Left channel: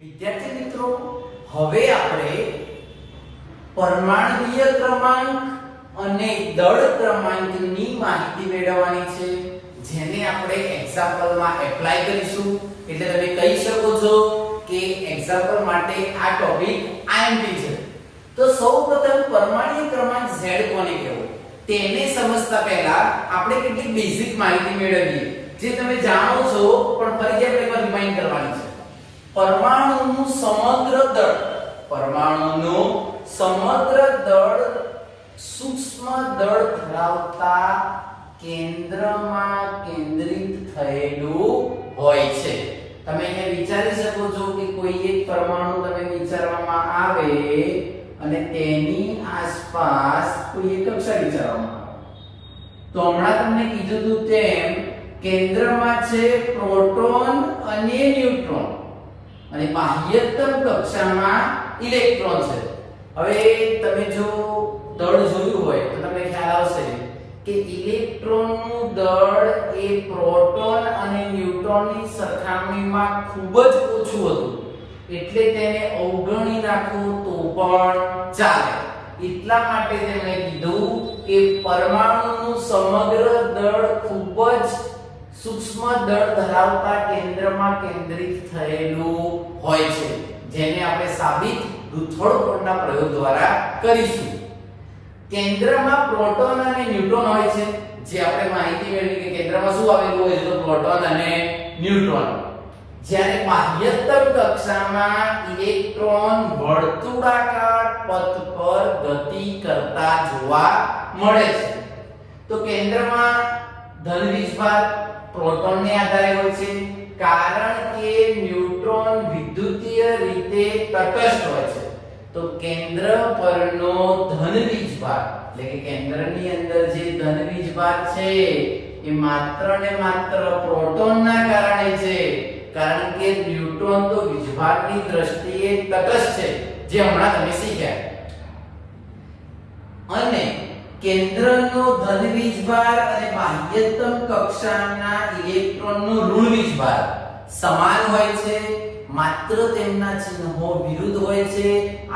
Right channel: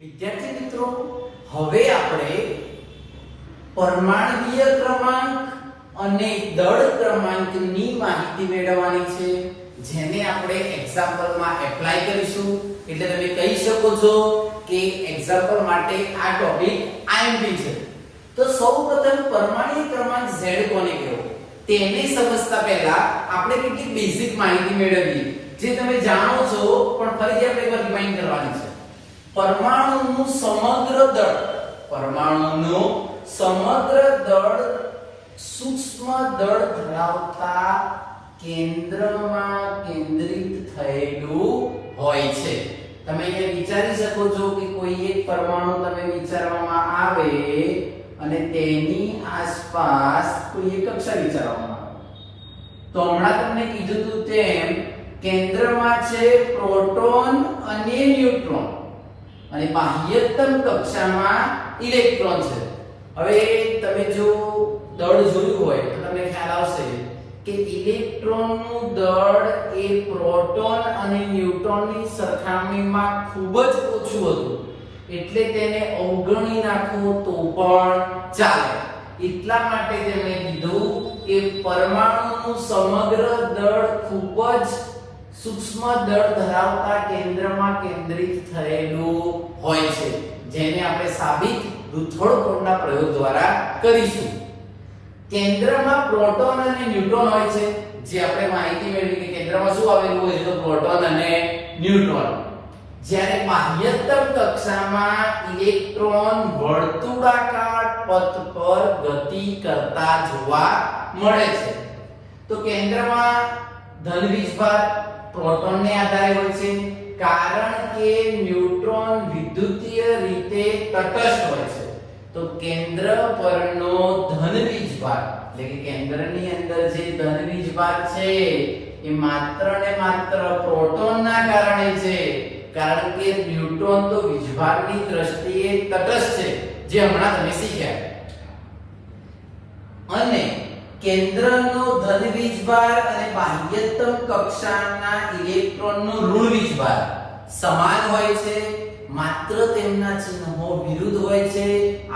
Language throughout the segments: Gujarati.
વિદ્યાર્થી મિત્રો, હવે આપણે પરમાણ્વીય ક્રમાંક અને દળ ક્રમાંકની માહિતી મેળવવાની છે, જેને આપણે એક્ઝામ્પલમાં એપ્લાય કરીશું. એટલે તમે કહી શકો છો કે એક્ઝામ્પલ માટે આ ટોપિક આઈએમપી છે. તો સૌપ્રથમ પરમાણ્વીય ક્રમાંક Z કોને કહેવો તેને સમજતા પહેલા આપણે કેટલીક બેઝિક માહિતી મેળવીએ, જે તમે જાણો છો પણ ફરી આપણે રિમાઇન્ડ કરવાની છે. પરમાણુનું સમગ્ર દળ, પરમાણુનું સમગ્ર દળ સૂક્ષ્મ દળ ધરાવતા કેન્દ્રમાં કેન્દ્રિત થયેલું હોય છે. તમે અહીંયા વિચારી શકો છો કે કોઈ એક પરમાણુ તમે વિચારવામાં આવે અને તેની આસપાસ કોઈ એક કક્ષા વિચારવામાં આવે, તો હમણાં તમને કીધું હતું તેમ કેન્દ્રમાં છે પ્રોટોન અને ન્યુટ્રોન અને બાહ્યતમ કક્ષામાં ઇલેક્ટ્રોન છે. હવે તમે જો દળ જોયું હોય તો તમને ખ્યાલ આવશે કે ઇલેક્ટ્રોનનું દળ એ પ્રોટોન અને ન્યુટ્રોનની સરખામણીમાં ખૂબ જ ઓછું હતું, એટલે તેને અવગણી નાખવું તો પણ ચાલે. એટલા માટે તેમણે કીધું કે પરમાણુનું સમગ્ર દળ ખૂબ જ સૂક્ષ્મ દળ ધરાવતા કેન્દ્રમાં કેન્દ્રિત થયેલું હોય છે, જેને આપણે સાબિત રૂથોડ-કોંડના પ્રયોગ દ્વારા કરીશું. કેન્દ્રમાં પ્રોટોન અને ન્યુટ્રોન હોય છે, જે આપણે માહિતી મેળવી કે કેન્દ્રમાં શું આવેલું હોય છે, તો પ્રોટોન અને ન્યુટ્રોન. જ્યારે બાહ્યતમ કક્ષામાં ઇલેક્ટ્રોન વર્તુળાકાર પથ પર ગતિ કરતા જોવા મળે છે. તો કેન્દ્રમાં ધન વીજભાર પ્રોટોનને આધારે હોય છે, કારણ કે ન્યુટ્રોન વિદ્યુતીય રીતે તટસ્થ હોય છે. તો કેન્દ્ર પરનો ધન વીજભાર એટલે કે કેન્દ્રની અંદર જે ધન વીજભાર છે એ માત્ર ને માત્ર પ્રોટોનના કારણે છે, કારણ કે ન્યુટ્રોન તો વીજભારની દ્રષ્ટિએ તટસ્થ છે, જે હમણાં તમે શીખ્યા. અને કેન્દ્રનો ધન વીજભાર અને બાહ્યતમ કક્ષાના ઇલેક્ટ્રોનનો ઋણ વીજભાર સમાન હોય છે, માત્ર તેમના ચિહ્નો વિરુદ્ધ હોય છે.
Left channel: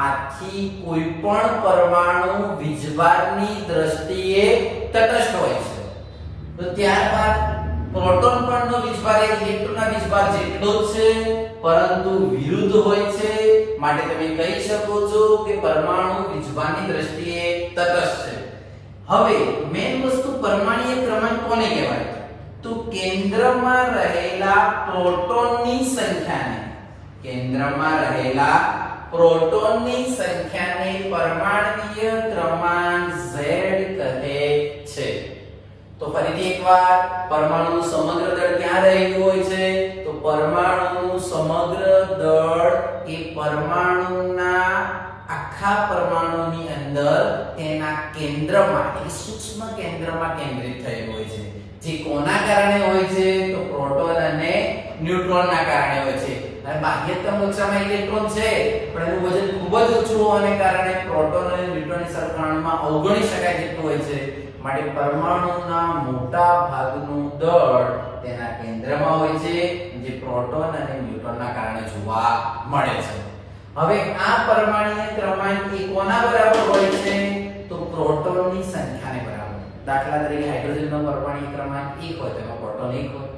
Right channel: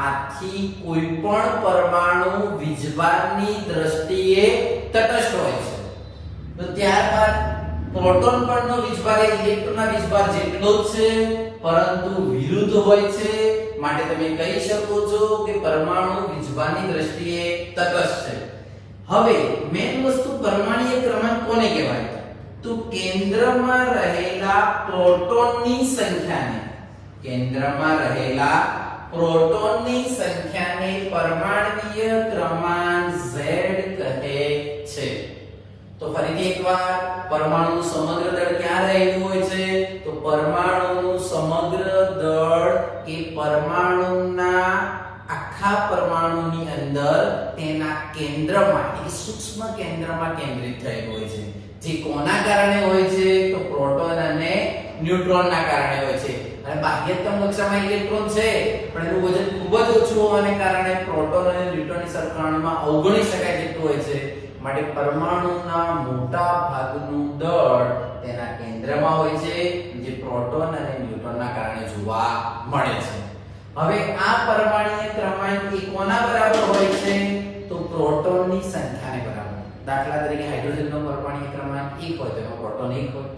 આથી કોઈ પણ પરમાણુ વીજભારની દ્રષ્ટિએ તટસ્થ હોય છે. તો ત્યારબાદ પ્રોટોન પરનો વીજભાર એ ઇલેક્ટ્રોનના વીજભાર જેટલો જ છે, પરંતુ વિરુદ્ધ હોય છે, માટે તમે કહી શકો છો કે પરમાણુ વીજભારની દ્રષ્ટિએ તટસ્થ છે. હવે મેઇન વસ્તુ પરમાણ્વીય ક્રમાંક કોને કહેવાય? તો કેન્દ્રમાં રહેલા પ્રોટોનની સંખ્યાને, કેન્દ્રમાં રહેલા પ્રોટોનની સંખ્યાને પરમાણ્વીય ક્રમાંક Z કહે છે. તો ફરીથી એકવાર, પરમાણુનું સમગ્ર દળ ક્યાં રહેલું હોય છે? તો પરમાણુનું સમગ્ર દળ એ પરમાણુના આખા પરમાણુની અંદર તેના કેન્દ્રમાં એટલે સૂક્ષ્મ કેન્દ્રમાં કેન્દ્રિત થયેલું હોય છે. જે કોના કારણે હોય છે? તો પ્રોટોન અને ન્યુટ્રોનના કારણે હોય છે. અને બાહ્યતમ કક્ષામાં ઇલેક્ટ્રોન છે, પણ એનું વજન ખૂબ જ ઓછું હોવાને કારણે પ્રોટોન અને ન્યુટ્રોનની સરખામણીમાં અવગણી શકાય તેટલું હોય છે. માટે પરમાણુના મોટા ભાગનું દળ તેના કેન્દ્રમાં હોય છે, જે પ્રોટોન અને ન્યુટ્રોનના કારણે જોવા મળે છે. હવે આ પરમાણ્વીય ક્રમાંક એ કોના બરાબર હોય છે? તો પ્રોટોનની સંખ્યાને બરાબર. દાખલા તરીકે હાઇડ્રોજનનો પરમાણ્વીય ક્રમાંક 1 હોય, તેમાં પ્રોટોન 1 હોય.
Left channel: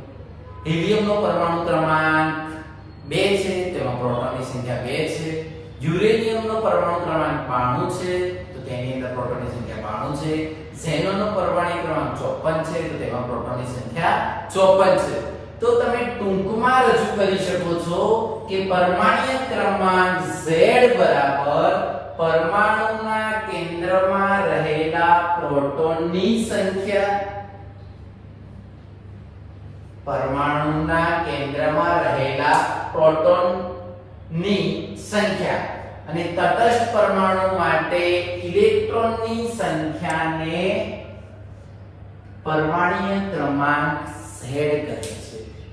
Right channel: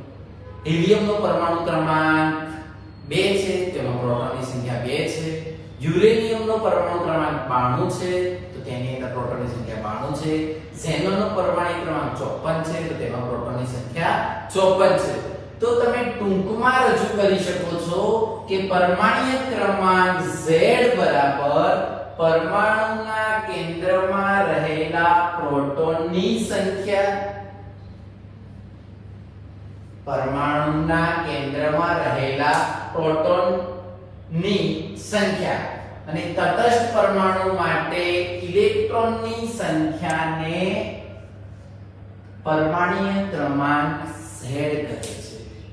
હિલિયમનો પરમાણુ ક્રમાંક 2 છે, તેમાં પ્રોટોનની સંખ્યા 2 છે. યુરેનિયમનો પરમાણુ ક્રમાંક 92 છે, તો તેની અંદર પ્રોટોનની સંખ્યા 92 છે. ઝેનોનનો પરમાણુ ક્રમાંક 54 છે, તો તેમાં પ્રોટોનની સંખ્યા 54 છે. તો તમે ટૂંકમાં રજૂ કરી શકો છો કે પરમાણ્વીય ક્રમાંક Z બરાબર પરમાણુના કેન્દ્રમાં રહેલા પ્રોટોનની સંખ્યા, પરમાણુના કેન્દ્રમાં રહેલા પ્રોટોનની સંખ્યા અને તટસ્થ પરમાણુ માટે ઇલેક્ટ્રોનની સંખ્યાને પરમાણ્વીય ક્રમાંક Z કહે છે.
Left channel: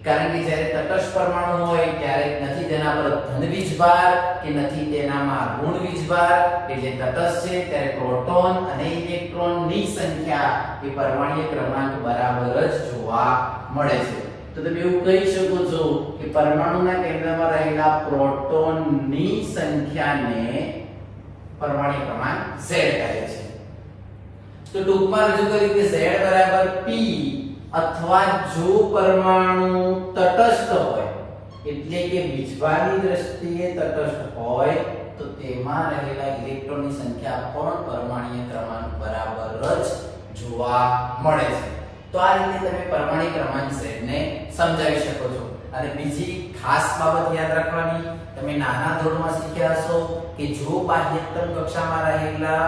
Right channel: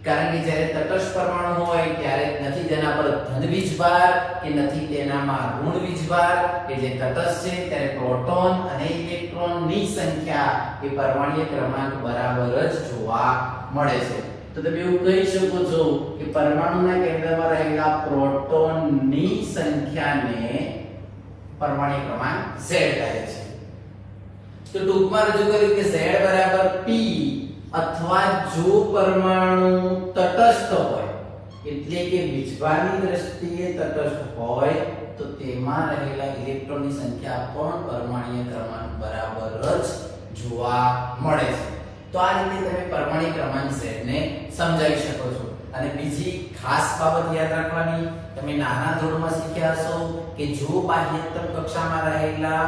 કારણ કે જ્યારે તટસ્થ પરમાણુ હોય ત્યારે નથી તેના પર ધન વીજભાર કે નથી તેનામાં ઋણ વીજભાર, એટલે તટસ્થ છે ત્યારે પ્રોટોન અને ઇલેક્ટ્રોનની સંખ્યા એ પરમાણ્વીય ક્રમાંક બરાબર જ જોવા મળે છે. તો તમે એવું કહી શકો છો કે પરમાણુના કેન્દ્રમાં રહેલા પ્રોટોનની સંખ્યાને પરમાણ્વીય ક્રમાંક Z કહે છે. તો ટૂંકમાં રજૂ કર્યું કે Z બરાબર P, અથવા જો પરમાણુ તટસ્થ હોય એટલે કે વીજભારની દ્રષ્ટિએ તટસ્થ હોય તો તેમાં રહેલા ઇલેક્ટ્રોનની સંખ્યા પણ પરમાણ્વીય ક્રમાંક બરાબર જ જોવા મળે છે. તો આ રીતે તમે પરમાણ્વીય ક્રમાંક Z ને સમજાવી શકો છો. અને બીજી ખાસ બાબત યાદ રાખવાની, તમે નાના ધોરણમાં શીખ્યા હશો કે જો બાહ્યતમ કક્ષામાં રહેલા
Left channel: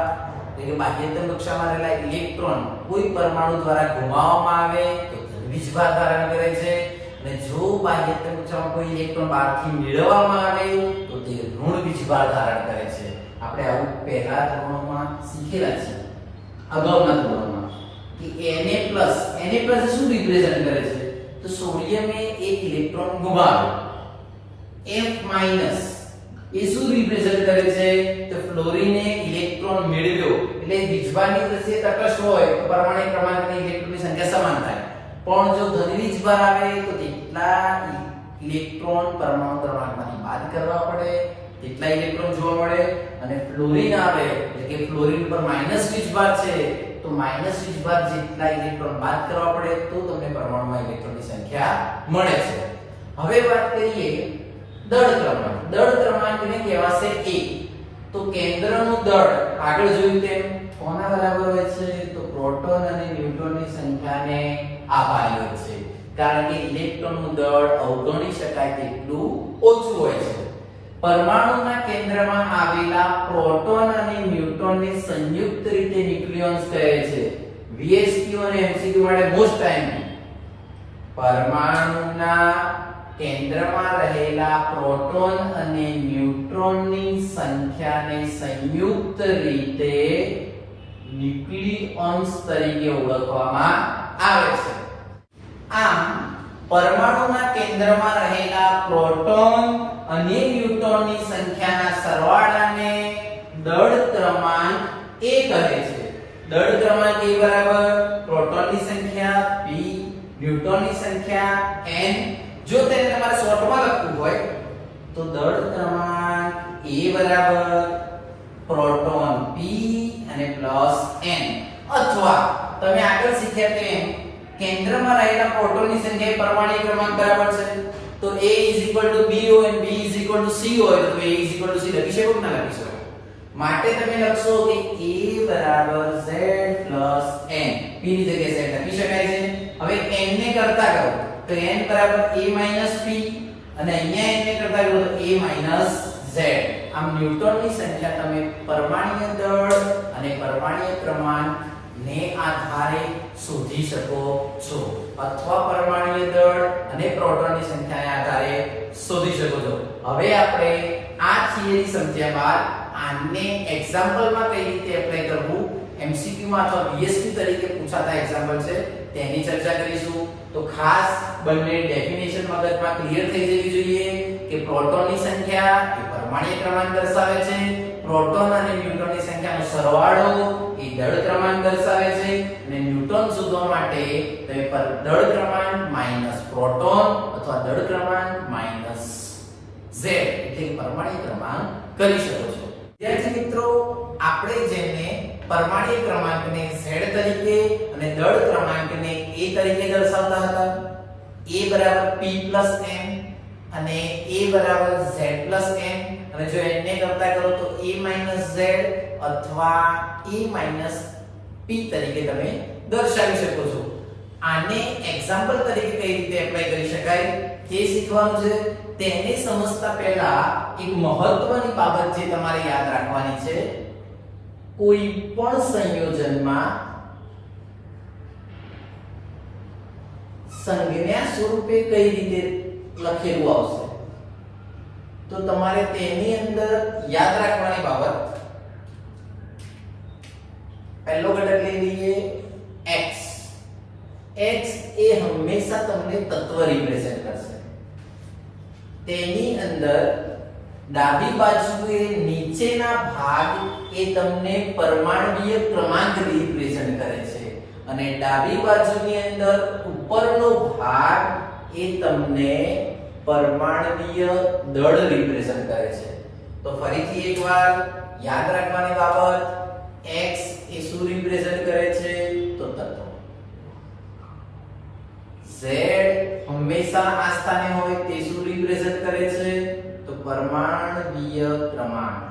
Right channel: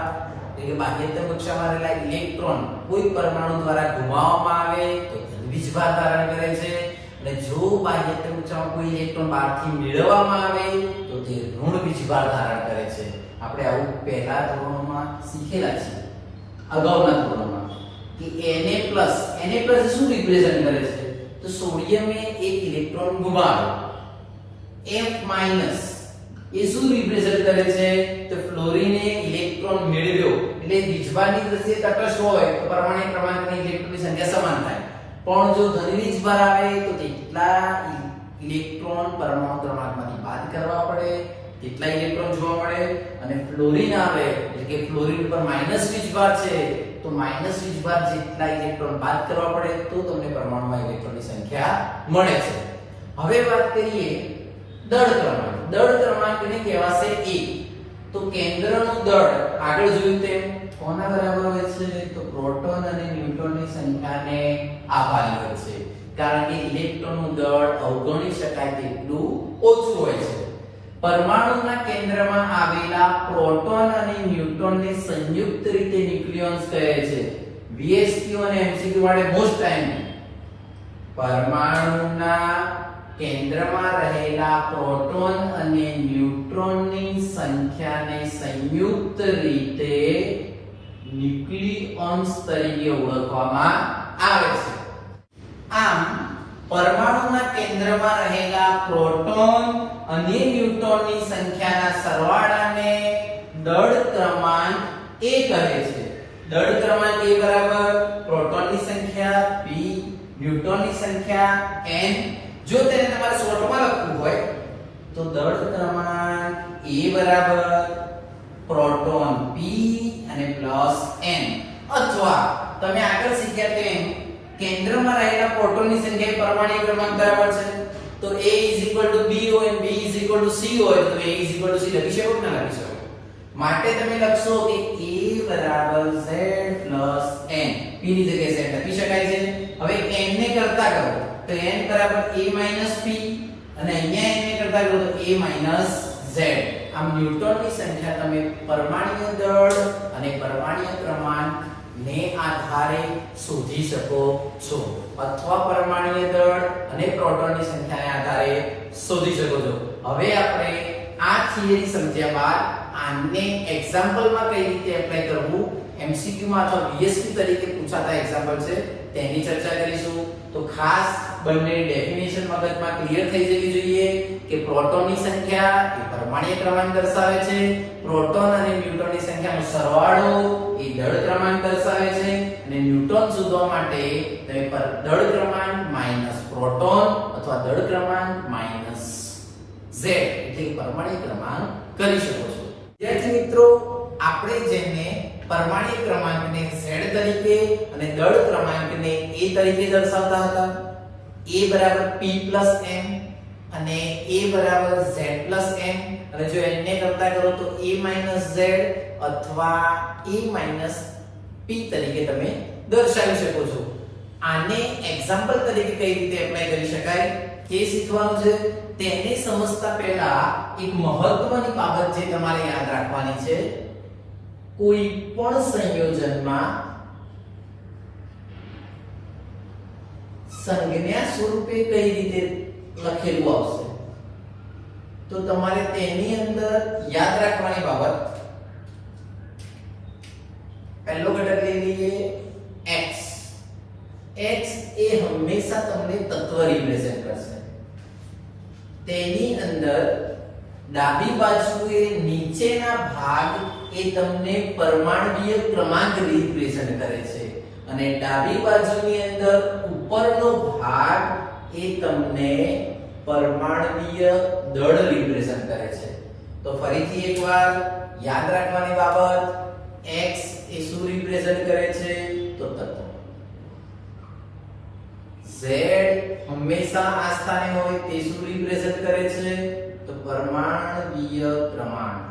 ઇલેક્ટ્રોન કોઈ પરમાણુ દ્વારા ગુમાવવામાં આવે તો વીજભાર ધારણ કરે છે, અને જો બાહ્યતમ કક્ષામાં કોઈ ઇલેક્ટ્રોન બહારથી મેળવવામાં આવે તો તે ઋણ વીજભાર ધારણ કરે છે. આપણે આવું પહેલા ધોરણોમાં શીખેલા છે, અગાઉના ધોરણોમાં, કે Na+ શું રિપ્રેઝન્ટ કરે છે? તો સોડિયમે એક ઇલેક્ટ્રોન ગુમાવ્યો. F- એ શું રિપ્રેઝન્ટ કરે છે? તો ફ્લોરિને ઇલેક્ટ્રોન મેળવ્યો. એટલે વીજભારની દ્રષ્ટિએ તટસ્થ હોય તો પરમાણ્વીય ક્રમાંક અને ઇલેક્ટ્રોનની સંખ્યા સમાન થાય. પણ જો ધન વીજભાર આવે તો કેટલા ઇલેક્ટ્રોન પરમાણુ ક્રમાંકમાંથી બાદ કરવા પડે, કેટલા ઇલેક્ટ્રોન જોવા મળે. અને ફ્લોરિન આવે એટલે કે ફ્લોરિન પર માઈનસ વીજભાર છે તો માઈનસ વીજભાર જેટલા ઇલેક્ટ્રોન બાદ કરવા પડે તો તમને પરમાણુમાં ઇલેક્ટ્રોનની સંખ્યા મળે છે. હવે વાત કરીએ દળ ક્રમાંક. દળ ક્રમાંકને કહેવાશે A. તો કેન્દ્રનું દળ આગળ જોયું તેમ કોના બરાબર હોય છે? તો પ્રોટોન અને ન્યુટ્રોનની સંખ્યાને આભારી હોય છે, કારણ કે ઇલેક્ટ્રોનનું દળ અવગણી શકાય તેટલું ઓછું હોય છે. પરમાણુના કેન્દ્રમાં આવેલા પ્રોટોન અને ન્યુટ્રોનને સંયુક્ત રીતે ન્યુક્લિયોન્સ કહે છે. VSQ અને MCQ માટે મોસ્ટ ટાઈમ પરમાણુના કેન્દ્રમાં રહેલા પ્રોટોન અને ન્યુટ્રોનની સંખ્યાને સંયુક્ત રીતે ન્યુક્લિયોન્સ તરીકે ઓળખવામાં આવે છે. આમ પરમાણુના કેન્દ્રમાં રહેલા પ્રોટોન અને ન્યુટ્રોનની સંખ્યાના સરવાળાને દળ ક્રમાંક A કહે છે. દળ ક્રમાંક A બરાબર પ્રોટોનની સંખ્યા P, ન્યુટ્રોનની સંખ્યા N. જો તેને તમારે શોર્ટમાં લખવું હોય તો દળ ક્રમાંક A બરાબર પ્રોટોન P અને +N, અથવા તમે આગળ શીખ્યા તેમ કેન્દ્રમાં રહેલા પ્રોટોનની સંખ્યા પરમાણ્વીય ક્રમાંક બરાબર છે તો A = B હોય અને B = C હોય તો A = C લખી શકો કે ના લખી શકો? માટે તમે લખશો કે A બરાબર Z + N. P ની જગ્યાએ Z લખી શકાય છે. હવે N ને કરતા કરો તો N બરાબર A - P, અને અહીંયા N ને કરતા કરો તો A - Z. આમ ન્યુટ્રોનની સંખ્યા તમે પરમાણ્વીય દળ અને પરમાણ્વીય ક્રમાંક ને આધારે શોધી શકો છો, અથવા પરમાણ્વીય દળ અને પ્રોટોનની સંખ્યાને આધારે શોધી શકો છો. હવે આપણે આ થિયરી સમજ્યા બાદ આને એક્ઝામ્પલમાં કઈ રીતે એપ્લાય કરવું, MCQ માં અથવા VSQ તરીકે પૂછાતા એક્ઝામ્પલ છે તેની ચર્ચા કરીશું. તો ખાસ બંને ડેફિનેશન મગજમાં ક્લિયર થઈ જવી જોઈએ કે પ્રોટોનની સંખ્યા એ પરમાણ્વીય ક્રમાંક દર્શાવે છે, પ્રોટોન અને ન્યુટ્રોનની સંખ્યાનો સરવાળો એ દળ ક્રમાંક દર્શાવે છે, અને ન્યુટ્રોન શોધવા માટે તમે દળ ક્રમાંક માઈનસ પ્રોટોન અથવા દળ ક્રમાંક માઈનસ Z એટલે પરમાણ્વીય ક્રમાંક કરી શકો છો. વિદ્યાર્થી મિત્રો, આપણે જેને પરમાણ્વીય ક્રમાંકને Z તરીકે અને દળ ક્રમાંકને A તરીકે દર્શાવતા હતા, A બરાબર P + M અને A બરાબર Z + M, અને જો n ને કરતા કરો તો A - Z અથવા A - P તરીકે તમે દર્શાવી શકો છો. આને એક્ઝામ્પલ તરીકે કઈ રીતે એપ્લાય કરી શકાય તે શીખવાનું છે. તેને સમજતા પહેલા એક મહત્વની બાબત જે તમારે યાદ રાખવાની છે, કોઈ પણ સંયોજનમાં સંજ્ઞા સ્વરૂપે કઈ રીતે લખેલું આવશે તો તમારે તેની અંદર યાદ રાખવાની બાબત, પહેલો ઘટક લઈ લઈએ x, x એ હંમેશા તમને તત્વ રિપ્રેઝન્ટ કરશે. તેની અંદર ડાબી બાજુએ નીચેના ભાગ એ તમને પરમાણ્વીય ક્રમાંક રિપ્રેઝન્ટ કરે છે અને ડાબી બાજુની અંદર ઉપરનો ભાગ એ તમને પરમાણ્વીય દળ રિપ્રેઝન્ટ કરે છે. તો ફરીથી એકવાર યાદ રાખવાની બાબત, x એ શું રિપ્રેઝન્ટ કરે છે? તો તત્વ. z હંમેશા આ સ્થાને હોય તે શું રિપ્રેઝન્ટ કરે છે? તો પરમાણ્વીય ક્રમાંક.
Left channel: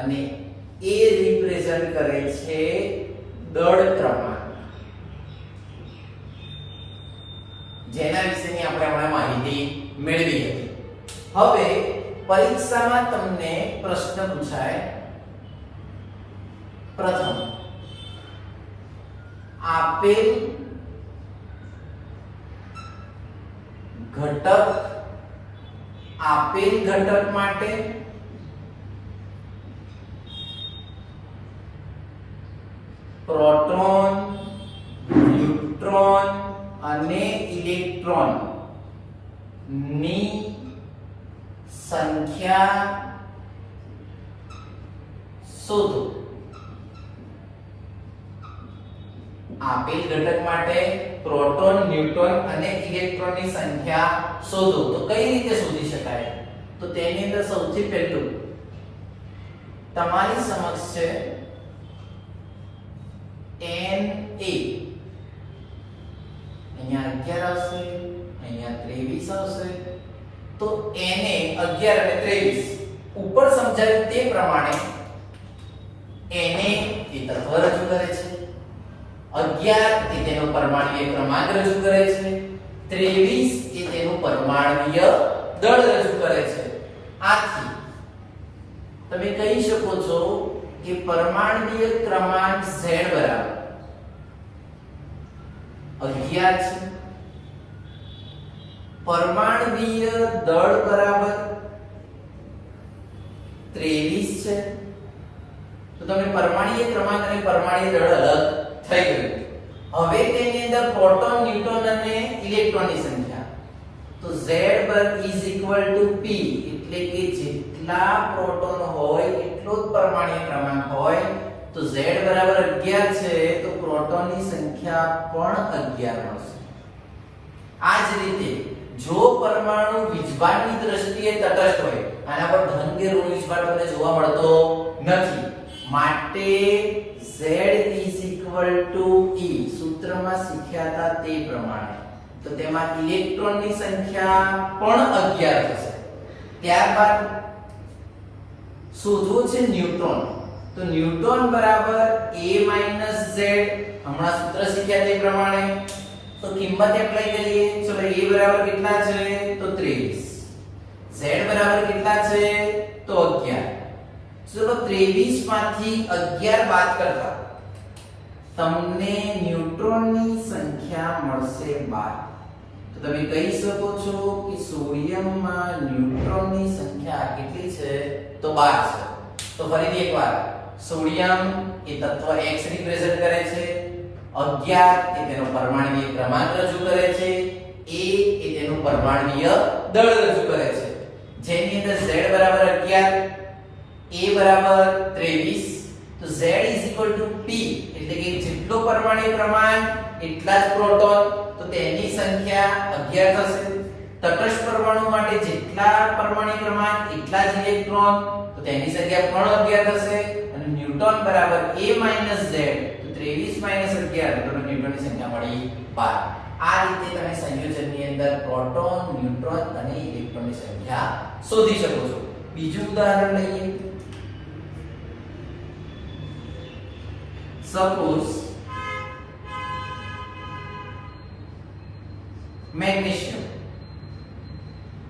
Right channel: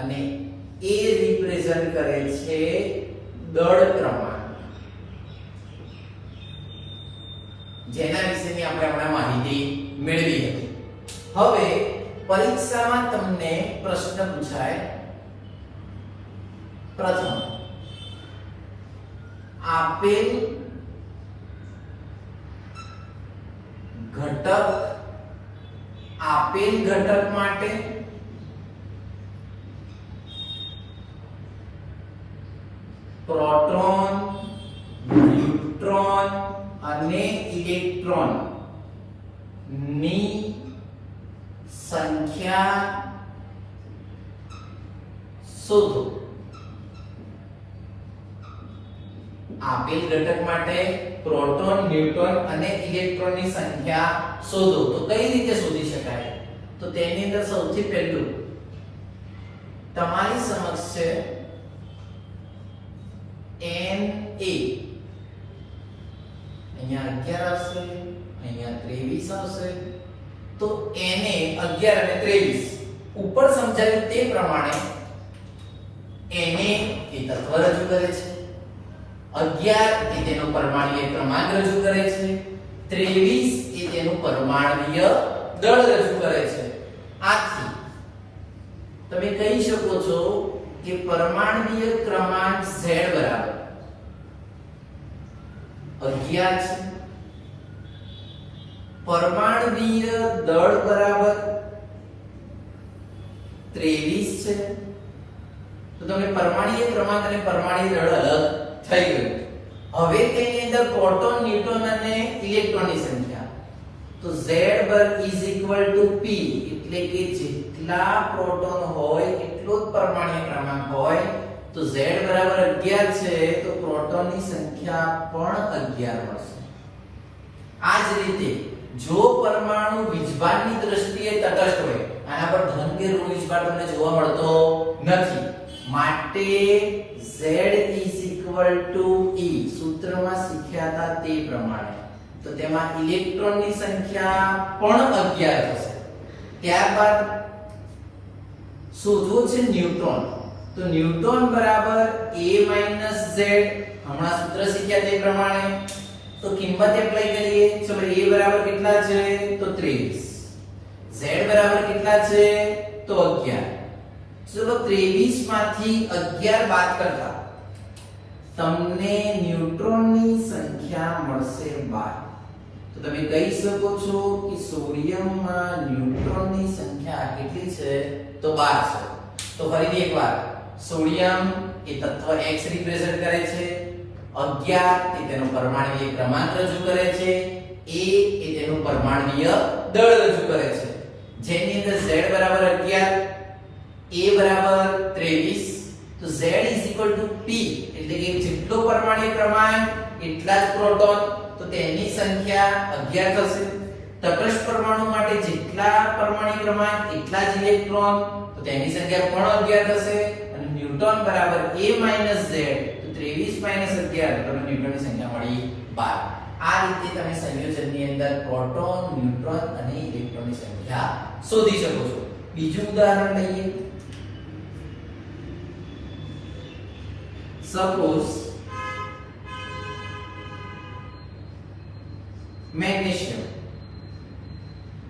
અને એ રિપ્રેઝન્ટ કરે છે દળ ક્રમાંક, જેના વિશેની આપણે હમણાં માહિતી મેળવી હતી. હવે પરીક્ષામાં તમને પ્રશ્ન પૂછાય. પ્રથમ, આપેલ ઘટક માટે પ્રોટોન, ન્યુટ્રોન અને ઇલેક્ટ્રોન ની સંખ્યા શોધો. આપેલ ઘટક માટે પ્રોટોન, ન્યુટ્રોન અને ઇલેક્ટ્રોન ની સંખ્યા શોધો. તો કઈ રીતે શોધી શકાય? તો તેની અંદર સૌથી પહેલું તમારી સમક્ષ છે Na. અહીંયા 11 આવશે, અહીંયા 23 આવશે. તો Na 11 અને 23 ઉપર સમજાવ્યું તે પ્રમાણે Na એ તત્વ રજૂ કરે છે, 11 એ તેનો પરમાણ્વીય ક્રમાંક રજૂ કરે છે, 23 એ તેનું પરમાણ્વીય દળ રજૂ કરે છે. આથી તમે કહી શકો છો કે પરમાણ્વીય ક્રમાંક Z બરાબર 11 છે, પરમાણ્વીય દળ બરાબર 23 છે. તો તમે પરમાણ્વીય ક્રમાંક અને પરમાણ્વીય દળ અલગ થઈ ગયું. હવે તેની અંદર પ્રોટોન, ન્યુટ્રોન અને ઇલેક્ટ્રોનની સંખ્યા. તો Z is equal to P, એટલે કે જેટલા પ્રોટોન હોય એટલો જ પરમાણ્વીય ક્રમાંક હોય. તો Z બરાબર 11 છે તો પ્રોટોનની સંખ્યા પણ 11 હશે. આ જ રીતે જો પરમાણુ વીજભારની દ્રષ્ટિએ તટસ્થ હોય, આના પર ધન કે ઋણ વીજભાર તમને જોવા મળતો નથી, માટે Z is equal to E સૂત્રમાં શીખ્યા હતા તે પ્રમાણે. તો તેમાં ઇલેક્ટ્રોનની સંખ્યા પણ 11 થશે. ત્યારબાદ શોધવું છે ન્યુટ્રોન. તો ન્યુટ્રોન બરાબર A - Z, હમણાં સૂત્ર શીખ્યા તે પ્રમાણે. તો કિંમત એપ્લાય કરીએ. ચલો A બરાબર કેટલા છે? તો 23. Z બરાબર કેટલા છે? તો 11. ચલો 23 માંથી 11 બાદ કરતા તમને ન્યુટ્રોનની સંખ્યા મળશે 12. તો તમે કહી શકો છો કે સોડિયમમાં ન્યુટ્રોનની સંખ્યા કેટલી છે? તો 12 છે. તો ફરીથી એકવાર, સોડિયમ એ તત્વ X રિપ્રેઝન્ટ કરે છે, 11 એ તેનો પરમાણ્વીય ક્રમાંક રજૂ કરે છે, A એ તેનું પરમાણ્વીય દળ રજૂ કરે છે, જેની અંદર Z બરાબર 11, A બરાબર 23. તો Z is equal to P, એટલે કે જેટલો પરમાણ્વીય ક્રમાંક એટલા જ પ્રોટોન, તો તેની સંખ્યા 11 થશે. તટસ્થ પરમાણુ માટે જેટલા પરમાણ્વીય ક્રમાંક એટલા જ ઇલેક્ટ્રોન, તો તેની સંખ્યા પણ 11 થશે. અને ન્યુટ્રોન બરાબર A - Z, તો 23 - 11, તો તમને ન્યુટ્રોનની સંખ્યા મળી 12. આ રીતે તમે સંયોજનની અંદર પ્રોટોન, ન્યુટ્રોન અને ઇલેક્ટ્રોનની સંખ્યા શોધી શકો છો. બીજું ઉદાહરણ લઈએ. સપોઝ મેગ્નેશિયમ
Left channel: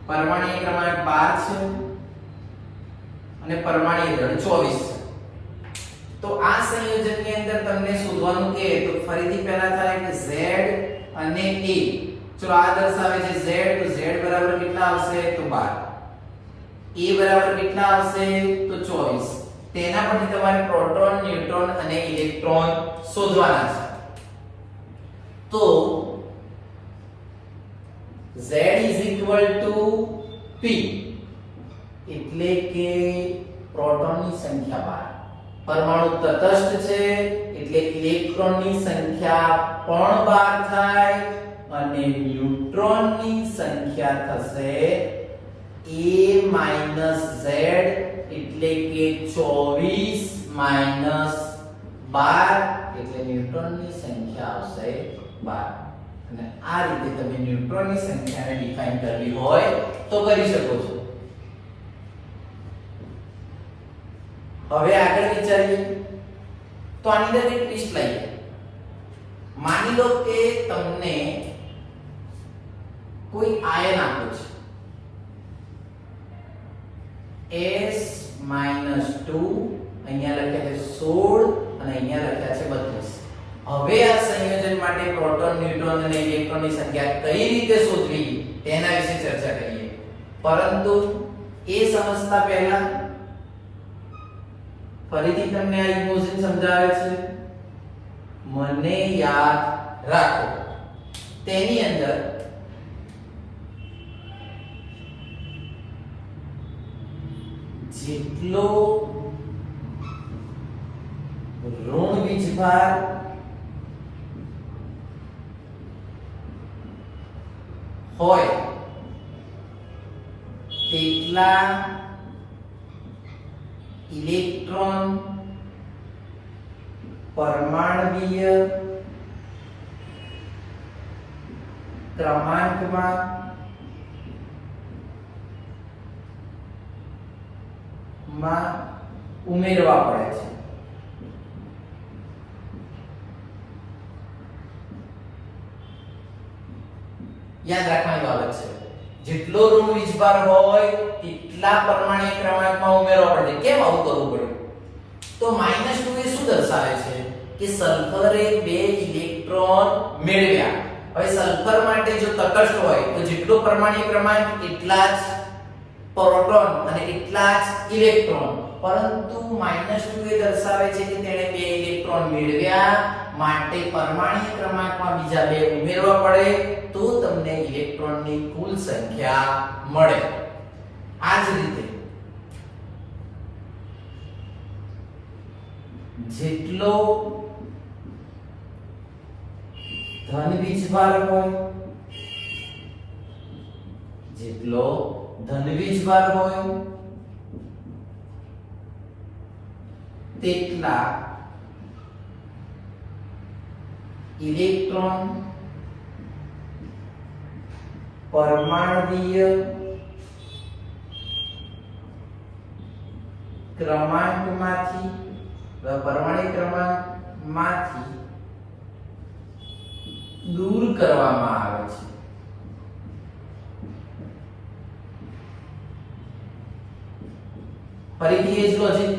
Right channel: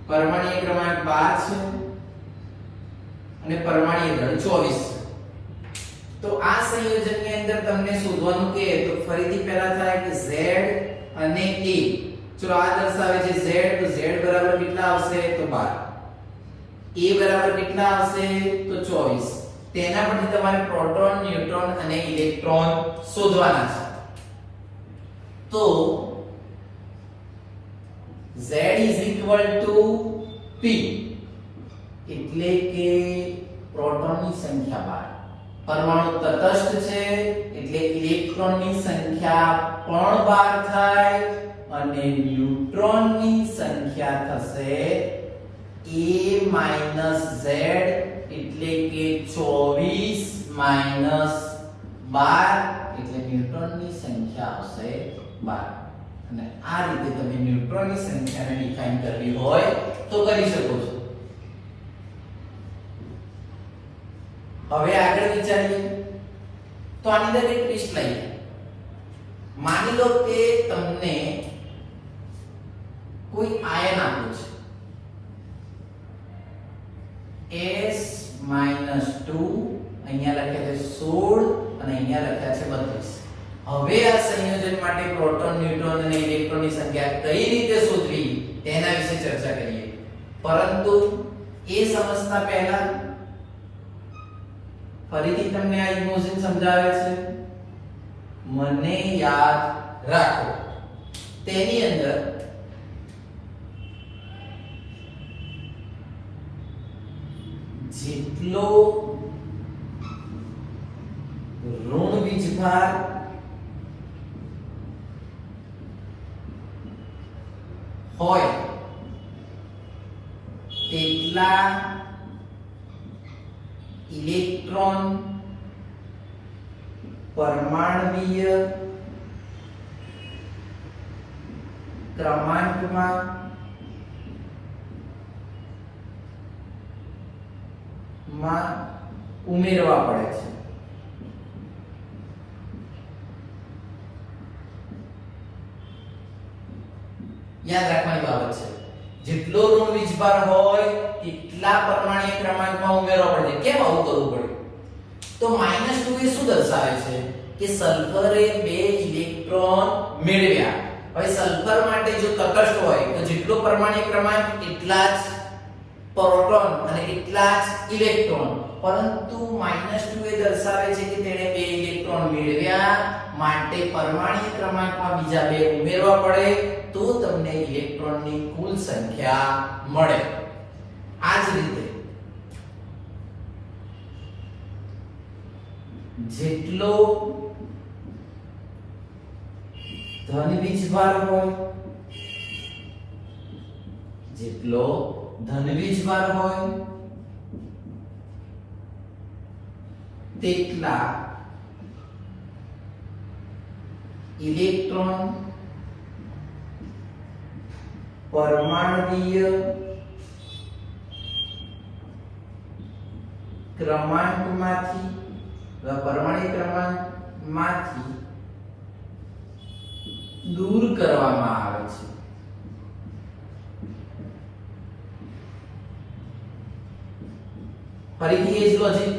પરમાણ્વીય ક્રમાંક 12 છે અને પરમાણ્વીય દળ 24 છે. તો આ સંયોજનની અંદર તમને શોધવાનું કે તો ફરીથી પહેલા થાય કે Z અને A. ચલો આ દર્શાવે છે Z, તો Z બરાબર કેટલા આવશે? તો 12. A બરાબર કેટલા આવશે? તો 24. તેના પરથી તમારે પ્રોટોન, ન્યુટ્રોન અને ઇલેક્ટ્રોન શોધવાના છે. તો Z P એટલે કે પ્રોટોનની સંખ્યા 12, પરમાણુ તટસ્થ છે એટલે ઇલેક્ટ્રોનની સંખ્યા પણ 12 થાય અને ન્યુટ્રોનની સંખ્યા થશે A - Z એટલે કે 24 - 12 એટલે ન્યુટ્રોનની સંખ્યા આવશે 12. અને આ રીતે તમે ન્યુટ્રોનની સંખ્યાને ડિફાઇન કરવી હોય તો કરી શકો છો. હવે આગળ વિચારીએ તો આની અંદર એક ટ્વિસ્ટ લઈએ. માની લો કે તમને કોઈ આયન આપ્યું છે S-2, અહીંયા લખ્યા છે 16 અને અહીંયા લખ્યા છે 32. હવે આ સંયોજન માટે પ્રોટોન, ન્યુટ્રોન અને ઇલેક્ટ્રોનની સંખ્યા કઈ રીતે શોધવી તેના વિશે ચર્ચા કરીએ. પરંતુ એ સમજતા પહેલા ફરીથી તમને આ ઇમોશન સમજાવે છે. મને યાદ રાખો, તેની અંદર જેટલો ઋણ વીજભાર હોય તેટલા ઇલેક્ટ્રોન પરમાણ્વીય ક્રમાંકમાં ઉમેરવા પડે છે. યાદ રાખવાની બાબત છે, જેટલો ઋણ વીજભાર હોય એટલા પરમાણ્વીય ક્રમાંકમાં ઉમેરવા પડે. કેમ આવું કરવું પડ્યું? તો -2 એ શું દર્શાવે છે કે સલ્ફરે 2 ઇલેક્ટ્રોન મેળવ્યા. હવે સલ્ફર માટે જો તટસ્થ હોય તો જેટલો પરમાણ્વીય ક્રમાંક એટલા જ પ્રોટોન અને એટલા જ ઇલેક્ટ્રોન. પરંતુ -2 એ દર્શાવે છે કે તેણે 2 ઇલેક્ટ્રોન મેળવ્યા, માટે પરમાણ્વીય ક્રમાંકમાં બીજા 2 ઉમેરવા પડે તો તમને ઇલેક્ટ્રોનની કુલ સંખ્યા મળે. આ જ રીતે જેટલો ધન વીજભાર હોય તેટલા ઇલેક્ટ્રોન પરમાણ્વીય ક્રમાંકમાંથી દૂર કરવામાં આવે છે. ફરીથી એ જ લોજિક.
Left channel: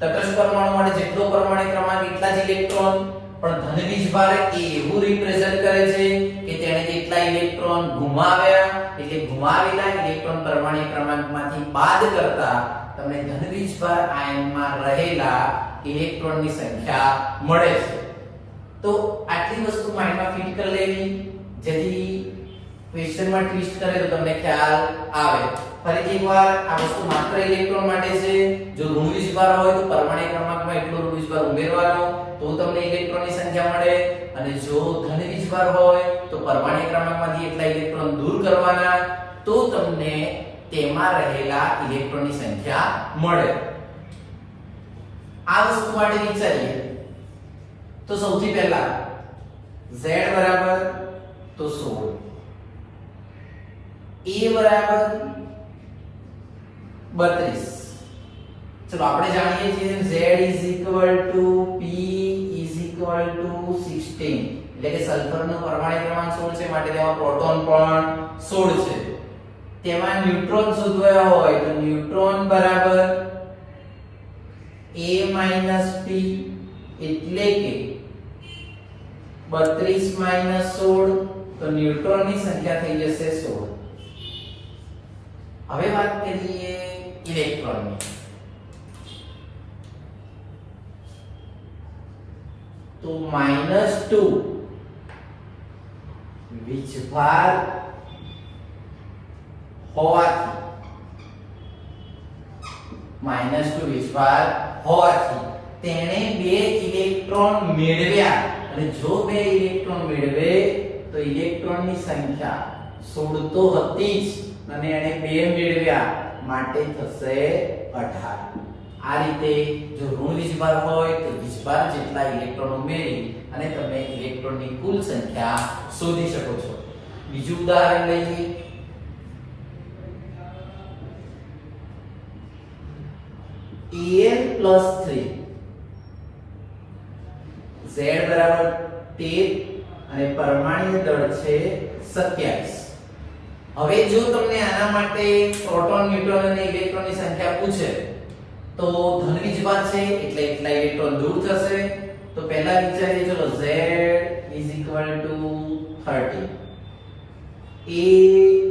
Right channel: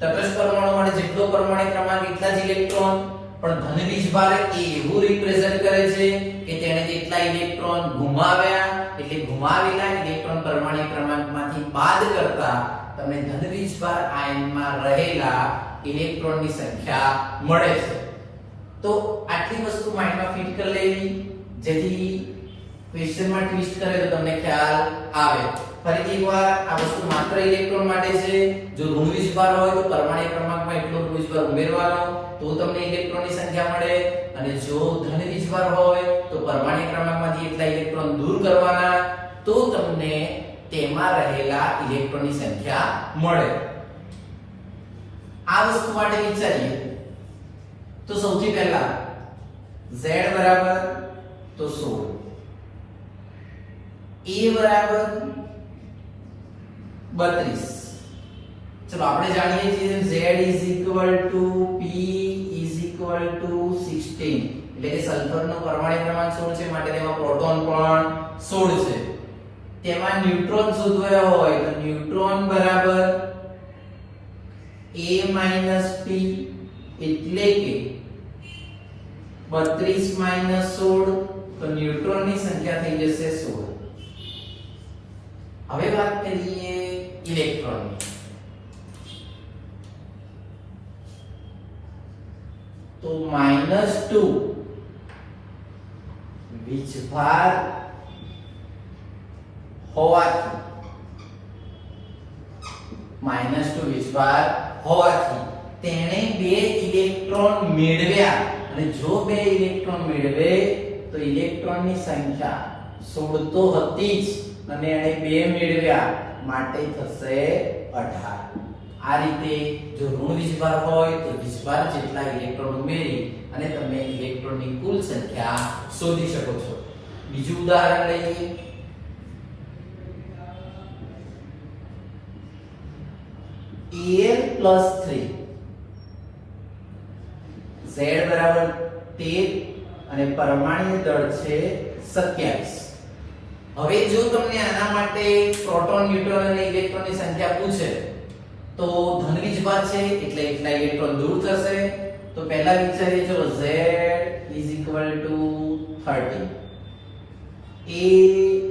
તટસ્થ પરમાણુ માટે જેટલો પરમાણ્વીય ક્રમાંક એટલા જ ઇલેક્ટ્રોન, પણ ધન વીજભાર એવું રિપ્રેઝન્ટ કરે છે કે તેણે જેટલા ઇલેક્ટ્રોન ગુમાવ્યા એટલે ગુમાવેલા ઇલેક્ટ્રોન પરમાણ્વીય ક્રમાંકમાંથી બાદ કરતા તમને ધન વીજભાર આયનમાં રહેલા ઇલેક્ટ્રોનની સંખ્યા મળે છે. તો આટલી વસ્તુ માઇન્ડમાં ફિટ કરી લેવી જેથી ક્વેશ્ચનમાં ટ્વિસ્ટ કરે તો તમને ખ્યાલ આવે. ફરીથી એકવાર આ વસ્તુ માત્ર ઇલેક્ટ્રોન માટે છે. જો ઋણ વીજભાર હોય તો પરમાણ્વીય ક્રમાંકમાં એટલો ઋણ વીજભાર ઉમેરવાનો તો તમને ઇલેક્ટ્રોનની સંખ્યા મળે, અને જો ધન વીજભાર હોય તો પરમાણ્વીય ક્રમાંકમાંથી એટલા ઇલેક્ટ્રોન દૂર કરવાના તો તમને તેમાં રહેલા ઇલેક્ટ્રોનની સંખ્યા મળે. આ વસ્તુ માટે વિચારીએ તો સૌથી પહેલા Z બરાબર તો 16, A બરાબર 32. ચલો આપણે જાણીએ છીએ Z P 16, એટલે કે સલ્ફરનો પરમાણ્વીય ક્રમાંક 16 છે, માટે તેમાં પ્રોટોન પણ 16 છે. તેમાં ન્યુટ્રોન શોધવા હોય તો ન્યુટ્રોન બરાબર A - P એટલે કે 32 - 16 તો ન્યુટ્રોનની સંખ્યા થઈ જશે 16. હવે વાત કરીએ ઇલેક્ટ્રોનની. તો -2 વીજભાર હોવાથી -2 વીજભાર હોવાથી તેણે 2 ઇલેક્ટ્રોન મેળવ્યા અને જો 2 ઇલેક્ટ્રોન મેળવે તો ઇલેક્ટ્રોનની સંખ્યા 16 તો હતી જ અને એણે 2 મેળવ્યા માટે થશે 18. આ રીતે જો ઋણ વીજભાર હોય તો વીજભાર જેટલા ઇલેક્ટ્રોન ઉમેરી અને તમે ઇલેક્ટ્રોનની કુલ સંખ્યા શોધી શકો છો. બીજું ઉદાહરણ લઈએ. Al+3 Z બરાબર 13 અને પરમાણુ દળ છે 27. હવે જો તમને આના માટે પ્રોટોન ન્યુટ્રોન અને ઇલેક્ટ્રોનની સંખ્યા પૂછે તો ધન વીજભાર છે એટલે એટલા ઇલેક્ટ્રોન દૂર થશે. તો પહેલા વિચારીએ જો Z = 30 A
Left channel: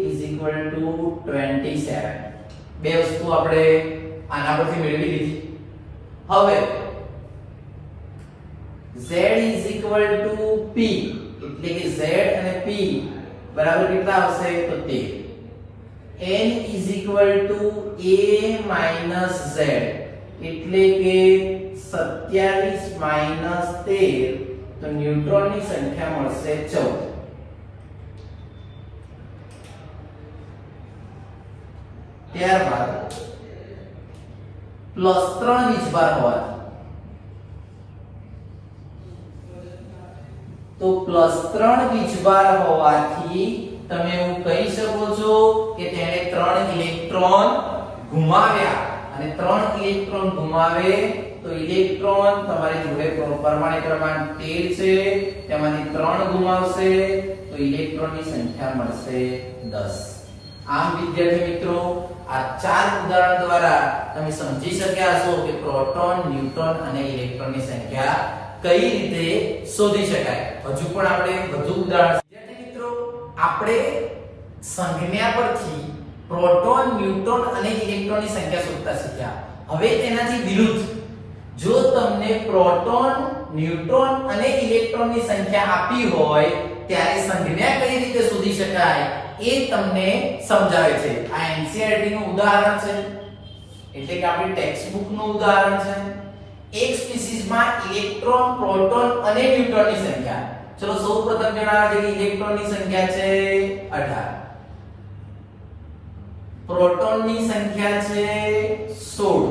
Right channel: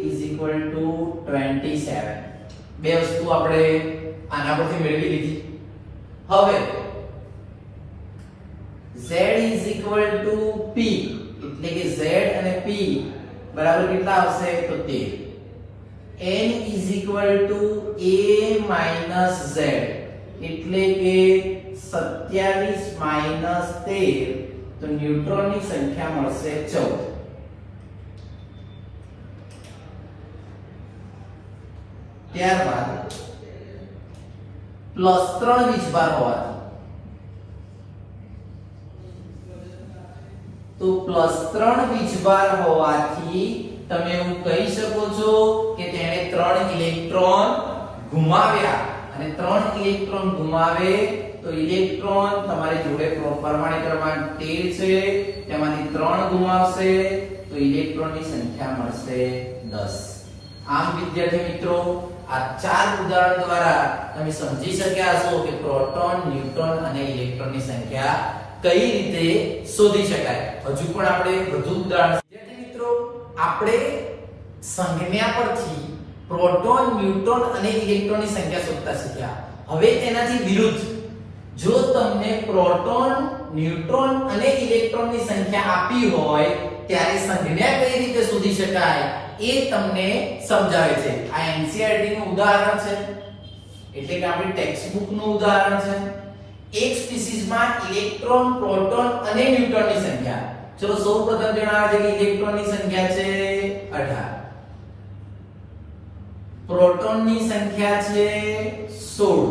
= 27. બે વસ્તુ આપણે આના પરથી મેળવી લીધી. હવે Z = P એટલે કે Z અને P બરાબર કેટલા આવશે તો 13. N = A - Z એટલે કે 27 - 13 તો ન્યુટ્રોનની સંખ્યા મળશે 14. ત્યારબાદ +3 વીજભાર હોવાથી તો +3 વીજભાર હોવાથી તમે એવું કહી શકો છો કે તેણે 3 ઇલેક્ટ્રોન ગુમાવ્યા અને 3 ઇલેક્ટ્રોન ગુમાવે તો ઇલેક્ટ્રોન તમારી જોડે પરમાણુ ક્રમાંક 13 છે તેમાંથી 3 ગુમાવશે તો ઇલેક્ટ્રોનની સંખ્યા મળશે 10. આમ વિદ્યાર્થી મિત્રો આ 4 ઉદાહરણ દ્વારા તમે સમજી શક્યા છો કે પ્રોટોન, ન્યુટ્રોન અને ઇલેક્ટ્રોનની સંખ્યા કઈ રીતે શોધી શકાય. હજુ પણ આપણે વધુ ઉદાહરણ. વિદ્યાર્થી મિત્રો આપણે સંજ્ઞા પરથી પ્રોટોન, ન્યુટ્રોન અને ઇલેક્ટ્રોનની સંખ્યા શોધતા શીખ્યા. હવે તેનાથી વિરુદ્ધ જો તમને પ્રોટોન, ન્યુટ્રોન અને ઇલેક્ટ્રોનની સંખ્યા આપી હોય ત્યારે સંજ્ઞા કઈ રીતે શોધી શકાય એ તમને સમજાવે છે. આ NCERT નું ઉદાહરણ છે એટલે કે આપણી ટેક્સ્ટબુક નું ઉદાહરણ છે. એક સ્પીસીસમાં ઇલેક્ટ્રોન, પ્રોટોન અને ન્યુટ્રોનની સંખ્યા. ચલો સૌપ્રથમ જણાવો કે ઇલેક્ટ્રોનની સંખ્યા છે 18, પ્રોટોનની સંખ્યા છે 16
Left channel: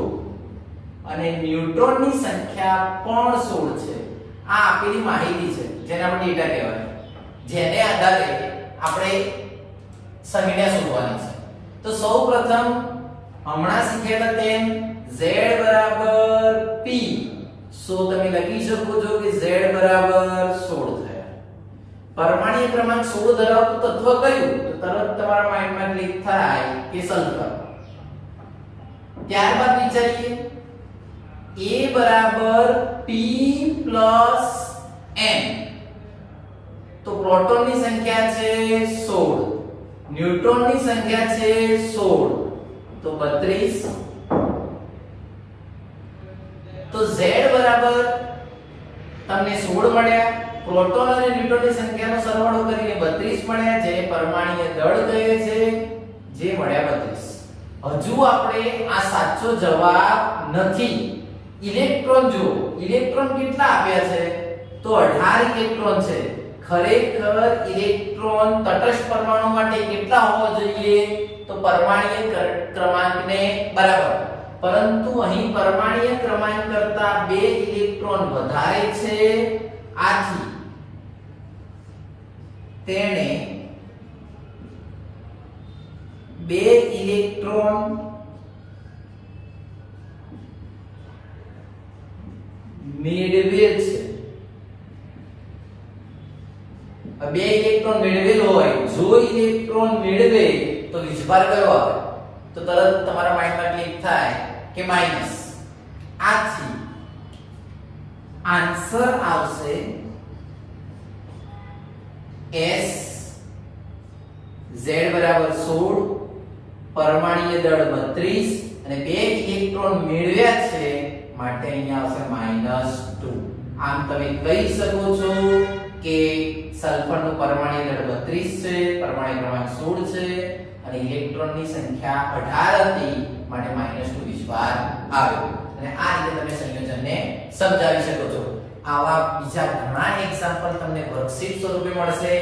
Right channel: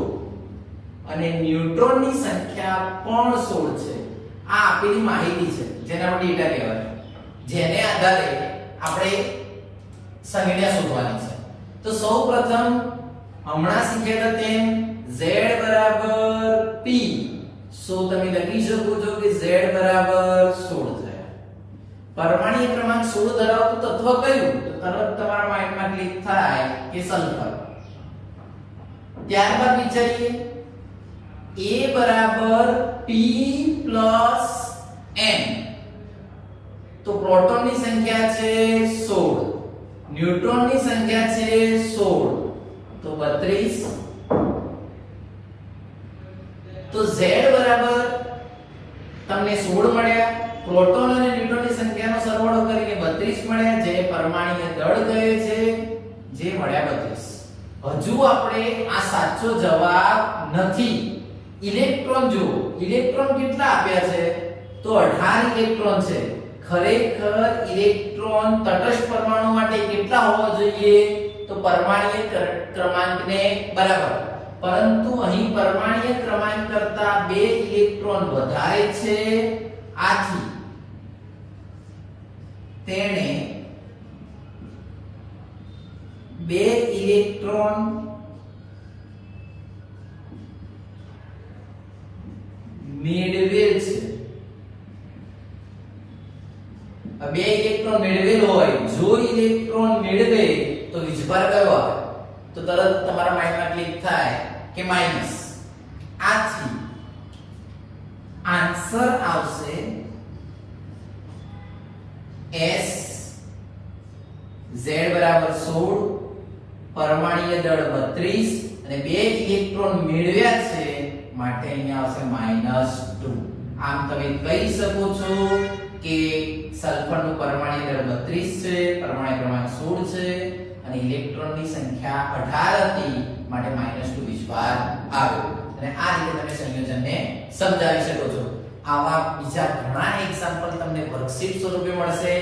અને ન્યુટ્રોનની સંખ્યા પણ 16 છે. આ આપેલી માહિતી છે જેને આપણે ડેટા કહેવાય, જેને આધારે આપણે સંજ્ઞા શોધવાની છે. તો સૌપ્રથમ હમણાં શીખ્યા તેમ Z બરાબર P, સો તમે લખી શકો છો કે Z બરાબર 16 થયા. પરમાણુ ક્રમાંક 16 ધરાવતું તત્વ કયું? તો તરત તમારા માઇન્ડમાં ક્લિક થાય કે સલ્ફર. ત્યારબાદ વિચારીએ A બરાબર P પ્લસ N, તો પ્રોટોનની સંખ્યા છે 16, ન્યુટ્રોનની સંખ્યા છે 16, તો 32. તો Z બરાબર તમને 16 મળ્યા, પ્રોટોન અને ન્યુટ્રોનની સંખ્યાનો સરવાળો કરીને 32 મળ્યા, જેને પરમાણુય દળ કહે છે, જે મળ્યા 32. હજુ આપણે આ સાચો જવાબ નથી. ઇલેક્ટ્રોન જો ઇલેક્ટ્રોન કેટલા આપ્યા છે તો 18 ઇલેક્ટ્રોન છે. ખરેખર ઇલેક્ટ્રોન તટસ્થ પરમાણુ માટે કેટલા હોવા જોઈએ તો પરમાણુય ક્રમાંકને બરાબર, પરંતુ અહીં પરમાણુય ક્રમાંક કરતા 2 ઇલેક્ટ્રોન વધારે છે. આથી તેણે 2 ઇલેક્ટ્રોન મેળવેલ છે. 2 ઇલેક્ટ્રોન મેળવેલ હોય, જો ઇલેક્ટ્રોન મેળવે તો વીજભાર કયો આવે તો તરત તમારા માઇન્ડમાં ક્લિક થાય કે માઈનસ. આથી આન્સર આવશે S, Z બરાબર 16, પરમાણુય દળ 32 અને 2 ઇલેક્ટ્રોન મેળવ્યા છે માટે અહીંયા આવશે -2. આમ તમે કહી શકો છો કે સલ્ફરનું પરમાણુ દળ 32 છે, પરમાણુ ક્રમાંક 16 છે અને ઇલેક્ટ્રોનની સંખ્યા 18 હતી, માટે -2 વિસ્ભાર આવ્યો. અને આ રીતે તમે સંયોજનને સમજાવી શકો છો. આવા બીજા ઘણા એક્ઝામ્પલ તમને વર્કશીટ સ્વરૂપે મળશે,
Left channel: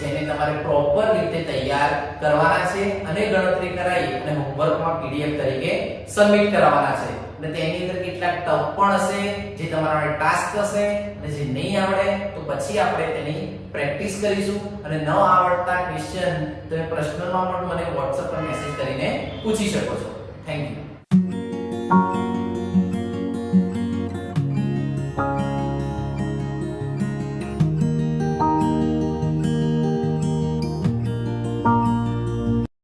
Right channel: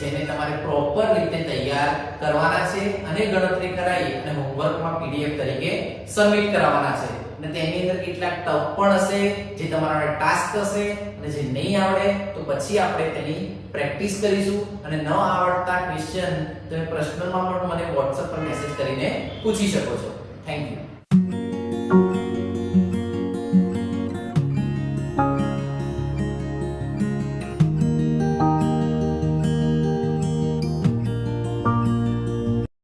જેને તમારે પ્રોપર રીતે તૈયાર કરવાના છે અને ગણતરી કરાવી અને હોમવર્કમાં પીડીએફ તરીકે સબમિટ કરાવવાના છે. અને તેની અંદર કેટલાક ટપ પણ હશે જે તમારા ટાસ્ક હશે, અને જે નહીં આવડે તો પછી આપણે તેની પ્રેક્ટિસ કરીશું. અને ન આવડતા ક્વેશ્ચન તમે પ્રશ્નોમાં પણ મને WhatsApp પર મેસેજ કરીને પૂછી શકો છો. Thank you.